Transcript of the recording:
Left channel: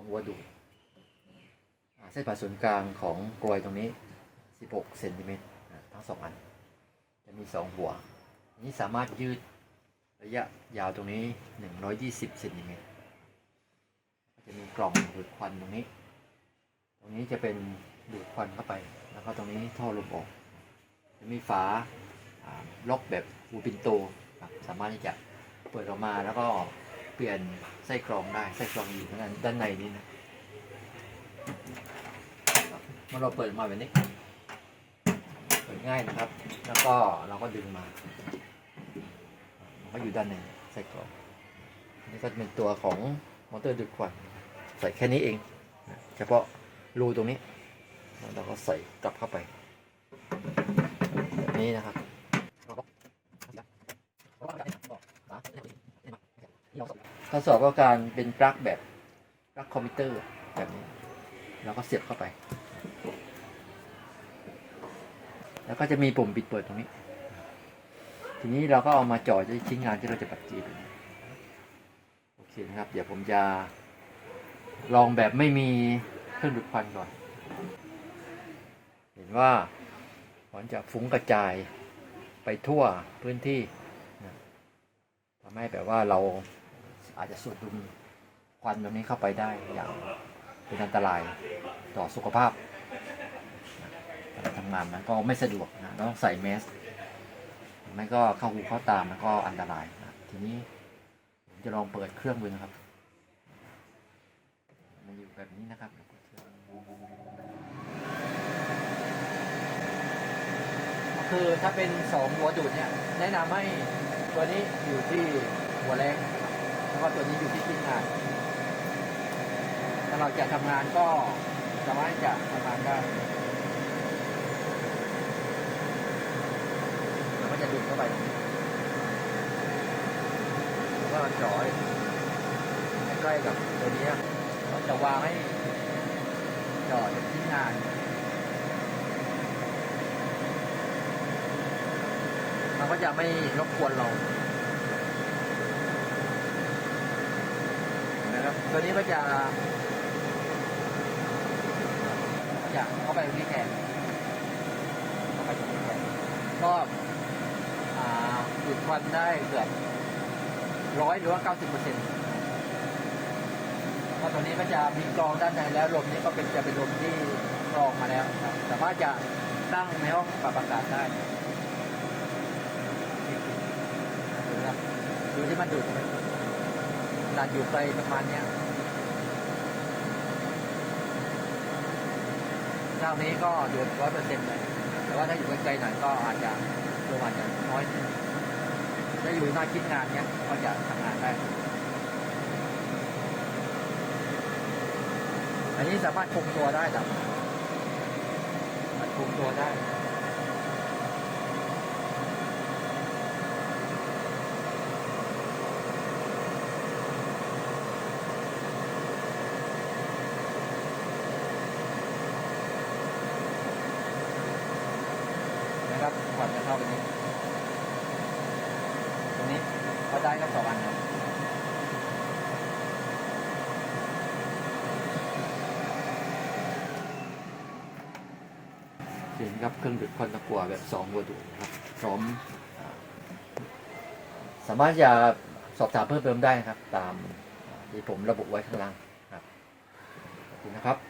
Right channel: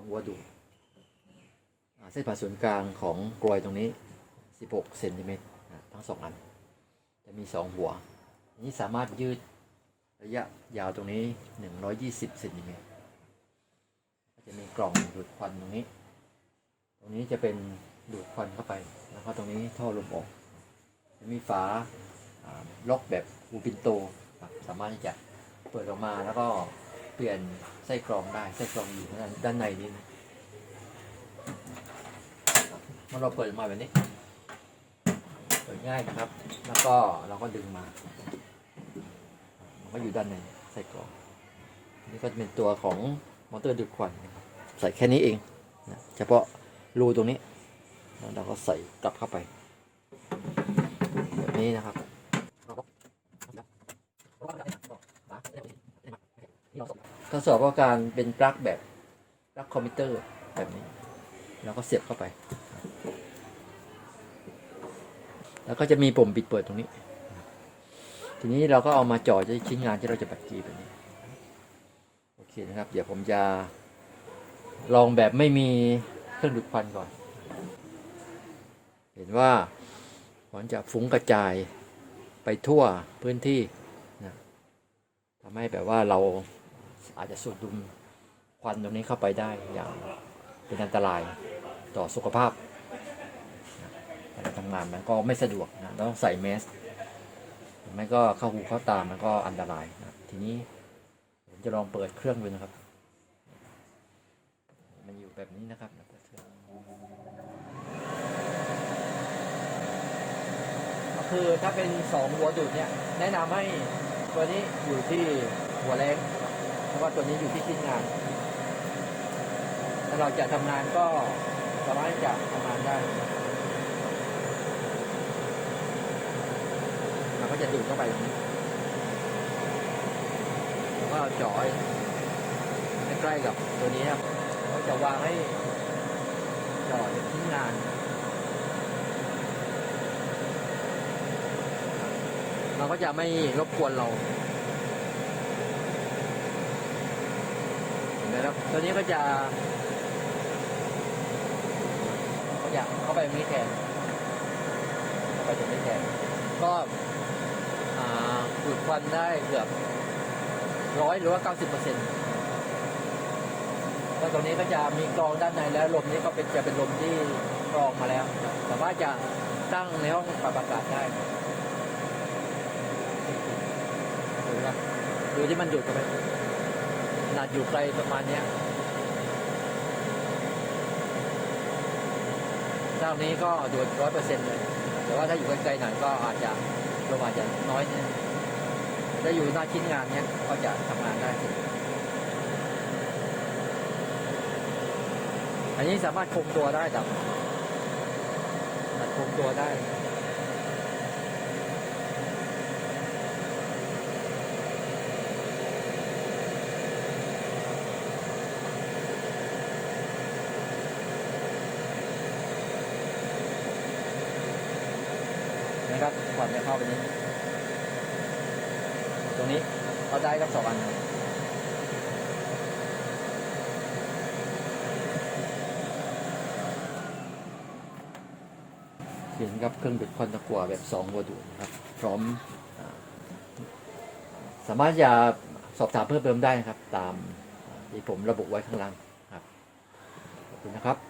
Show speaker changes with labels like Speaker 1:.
Speaker 1: ของวัวดูเส้นผ่าศูนย์กลางของกลวยตรงนี้ 16เซนติเมตรทั้งสองอัน จะมีสองหัว นี้สามารถยืดระยะยาวตรงนี้ 120เซนติเมตรจะมีกล่องดูดควันตรงนี้ ตรงนี้จะเป็นดูดควันเข้าไป แล้วก็ตรงนี้ท่อลมออก จะมีฝาล็อกแบบอูปินโต สามารถที่จะเปิดออกมาแล้วก็ ปลี่ยนไส้กรองได้ไส้กรองอยู่ด้านด้านในนี้นะเมื่อเราเปิดออกมาแบบนี้ เปิดง่ายนะครับ แล้วก็เราก็ดึงมาก็อยู่ด้านในไส้กรองอันนี่ก็จะเป็นตัวของมอเตอร์ดูดควันใส่แค่นี้เองนะเฉพาะรูตรงนี้แล้วเราก็ใส่กลับเข้าไปแบบนี้นะครับ ทดสอบก็การเป็นปลั๊กแบบปลั๊กคอมพิวเตอร์แบบนี้ แล้วก็เสียบเข้าไป แล้วก็จะมีปุ่มปิดเปิดตรงนี้ ทีนี้เราก็เอามาจ่อที่ชิ้นงานที่เราจะปัดจีแบบนี้โอเคนะครับ เดี๋ยวผมจะลองแบบไม่มีเครื่องดูดควันก่อน เห็นว่ามันจะฟุ้งกระจายไปทั่วพื้นที่นะทำให้แบบว่าเรา อาจจะสูดดมควันตรงนี้เข้าไปได้อย่างเป็นอันตรายต่อสุขภาพการทำงานมันก็ไม่สะดวกนะต้องใส่แมสไม่ก็เข้าหูเข้าตามันก็อันตรายนะทีนี้ผมจะลองเปิดเครื่องดูนะครับ มันอยู่แบบนี้นะครับคืองคือถ้าเป็นสองหัวดูดเนี่ย แนะนำให้ตัวนี้อยู่ที่หัวแรง แล้วก็ตัวนี้อยู่ที่ชิ้นงานถ้าเราจะทำงานก็สามารถที่จะทำงานได้มันก็จะดูดเข้าไปแล้วก็เจาะไว้ใกล้ๆกับตัวนี้เราจะวางให้เจาะชิ้นงานมันก็จะไม่รบกวนเรานะครับ ตัวนี้ก็จะจะเข้าไปตรงนี้แทนเข้าไปมีแทนก็อ่าดูดควันได้เกือบร้อยหรือว่าเก้าสิบเปอร์เซ็นต์ก็ตัวนี้ก็จะมีกรองด้านในแล้วลมนี้ก็เป็นจะเป็นลมที่กรองมาแล้วแต่ว่าจะตั้งในห้องปรับอากาศได้ดูที่มันดูดไหมขน อยู่ไกลประมาณเนี้ยเจ้านี้ก็ดูดร้อยเปอร์เซ็นต์เลย แต่ว่าถ้าอยู่ไกลๆหน่อยก็อาจจะลมอาจจะน้อยหน่อยถ้าอยู่หน้าชิ้นงานเนี้ยก็จะทำงานได้ อันนี้สามารถคงตัวได้จ้ะสามารถคงตัวได้ นะครับ ก่อนจะเข้าไปนี้ตรงนี้เอาได้ก็สองอันนะเห็นครับเครื่องดูดควันตะกั่วแบบสองโมดูลนะครับ พร้อม สามารถจะสอบถามเพิ่มเติมได้นะครับ ตามที่ผมระบุไว้ข้างล่างครับขอบคุณนะครับ